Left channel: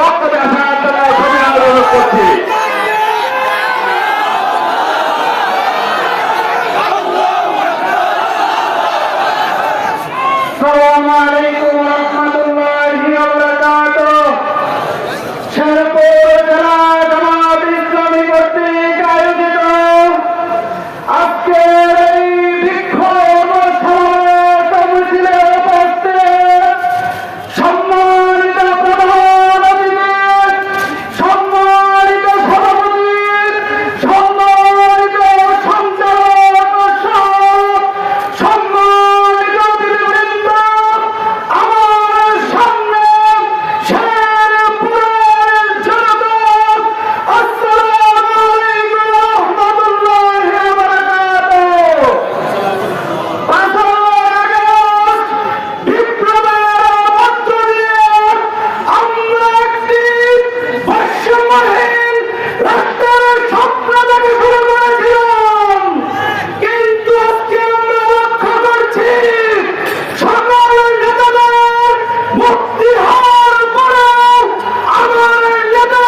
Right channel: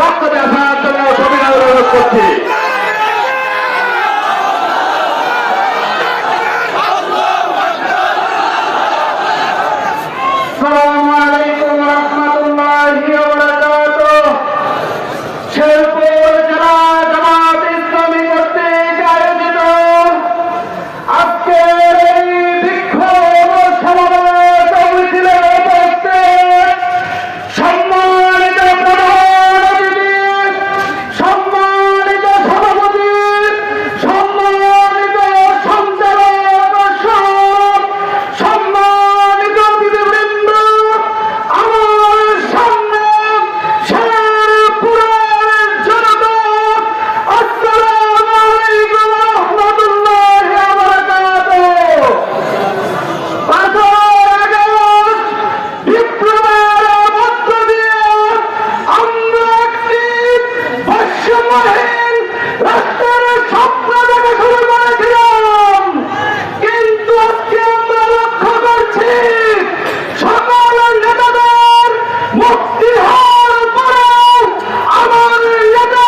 বক্তব্য আসার জন্য অনুরোধ করছি। আসসালামু আলাইকুম ওয়া রাহমাতুল্লাহি ওয়া বারাকাতুহু। শেরপুর জেলা জামাত ইসলামী কর্তৃক আয়োজিত আজকের এই বিক্ষোভ সমাবেশ মিছিলে উপস্থিত সম্মানিত প্রধান অতিথি, সম্মানিত সভাপতি, সম্মানিত সঞ্চালক সহ সম্মানিত অতিথিবৃন্দ, আমার সামনে শেরপুরের জনতা, আসসালামু আলাইকুম ওয়া রাহমাতুল্লাহি ওয়া বারাকাতুহু। বিপ্লবের মধ্য দিয়ে আমরা একটি বৈষম্যহীন রাষ্ট্রের স্বপ্ন দেখে শুরু করেছিলাম, কিন্তু আজকে আমরা লক্ষ্য করছি সকল নেতাদের মুক্তি হওয়ার পরেও আমার নেতা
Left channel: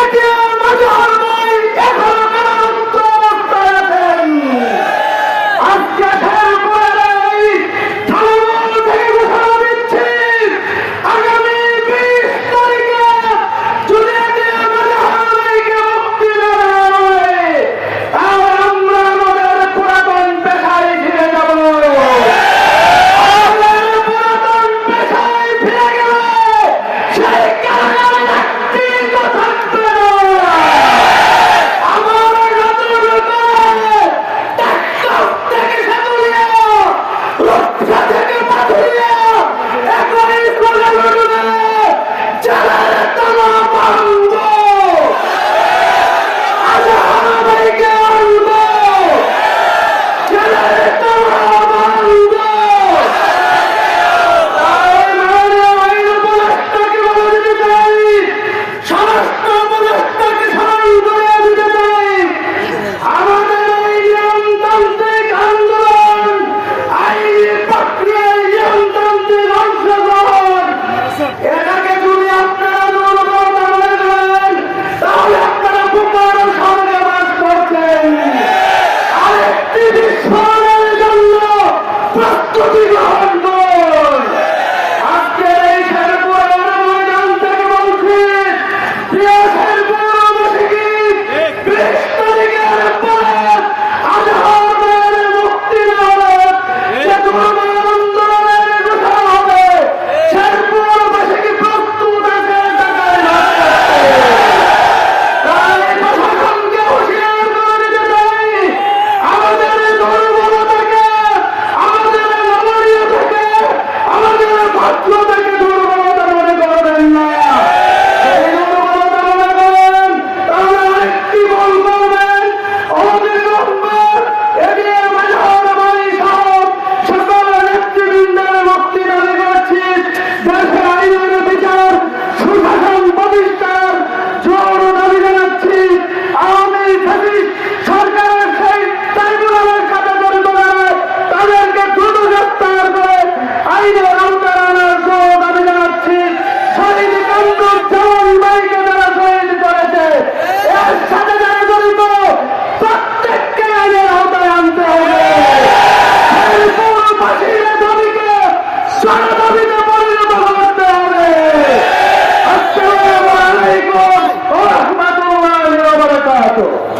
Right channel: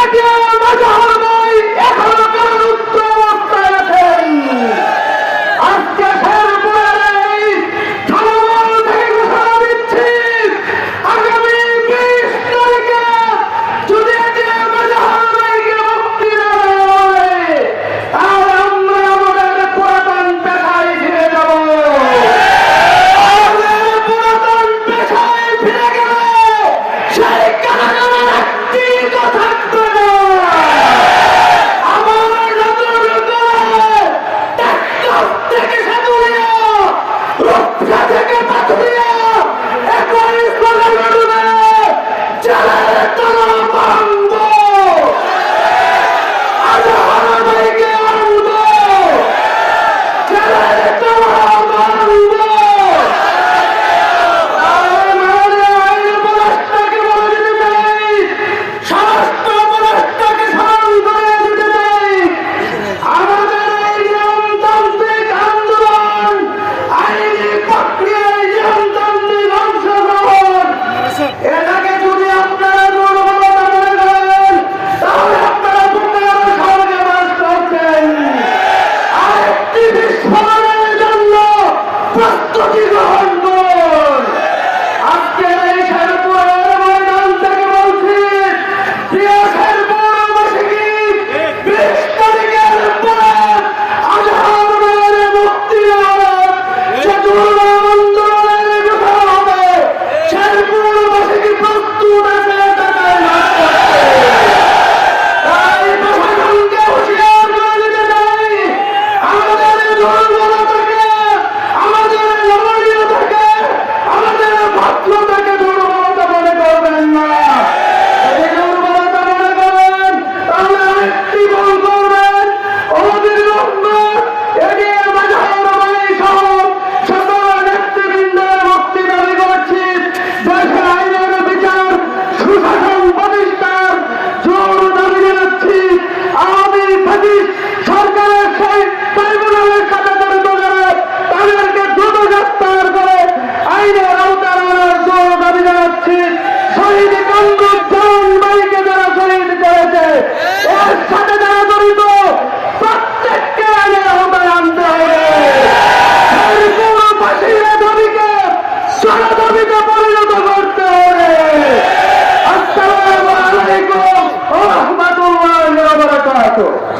এটিএম আজহার ভাই এখনো কেন মুক্ত অবস্থায় আছেন। আজকে শেরপুরের এই থানামল থেকে ঘোষণা দিচ্ছি, আগামী 20 তারিখে যদি এটিএম আজহার ভাইকে মুক্তি দেওয়া হয়, আর আমরা আমাদের পুরাতন পেশায় ফিরে যাব। আমাদের পুরাতন পেশায় ফিরে গেলে সেই কারাগারে একটি থাকবে না। আমার নতুন করে ট্রাক্টর থেকে সাতুরিয়া, রূপসা থেকে পাথুরিয়া, একই স্লোগান উঠে জেলার টানা ভাঙব, আজহার ভাইকে আনব, জেলার টানা ভাঙব। আইন উপদেষ্টাকে বলে দিতে চাই, স্বরাষ্ট্র উপদেষ্টাকে স্মরণ করে দিতে চাই, আমাদের এই নিয়মতান্ত্রিক আন্দোলন, আইনি প্রক্রিয়ায় নিয়মতান্ত্রিক অংশগ্রহণ, এটাকে যদি আপনারা দুর্বলতা মনে করেন, তাহলে আপনারা বোমার সঙ্গে বাস করছেন। আরেকটি বিস্ফোরণের জন্য প্রস্তুতি গ্রহণ করুন। আজকের এই শেরপুরের ময়দান থেকে বলছি, প্রিয় শেরপুরবাসী, 20 তারিখের পরে আজহার ভাইয়ের মুক্তি হবে, যে পুরনো আন্দোলনের কথা হবে, শেরপুরবাসী প্রস্তুত আছে টাকায় না। তাই প্রশাসনকে হুঁশিয়ার করে দিতে চাই, আমাদের দুর্বলতাকে, আমাদের নমনীয় থেকে, আমাদের ভদ্রতাকে দুর্বলতা মনে করবেন না। যদি দুর্বলতা মনে করেন, তাহলে আরেকটি ভুল করবেন। অবিলম্বে এটিএম আজহার ভাই সহ সকল নেতৃবৃন্দের মুক্তি দাবি করেছি। দেশের আইনের বিচার, সুশাসন প্রতিষ্ঠার জোর দাবি জানাচ্ছি। আওয়ামী ফ্যাসিস্ট সরকারের সেই ট্রাইব্যুনালের সাথে জড়িত যারা, তাদেরকে দ্রুত গ্রেফতার করে আইনের আওতায় আনার জোর দাবি জানাচ্ছি। শহীদ কামরুজ্জামান ভাইকে যারা শহীদ করেছে, এর সাথে যারা জড়িত, প্রত্যেককে আইনের আওতায় আনতে হবে। শেরপুরবাসীর দাবিকে জনদাবিতে পরিণত করতে হবে। আসসালামু আলাইকুম ওয়া রাহমাতুল্লাহি ওয়া বারাকাতুহু।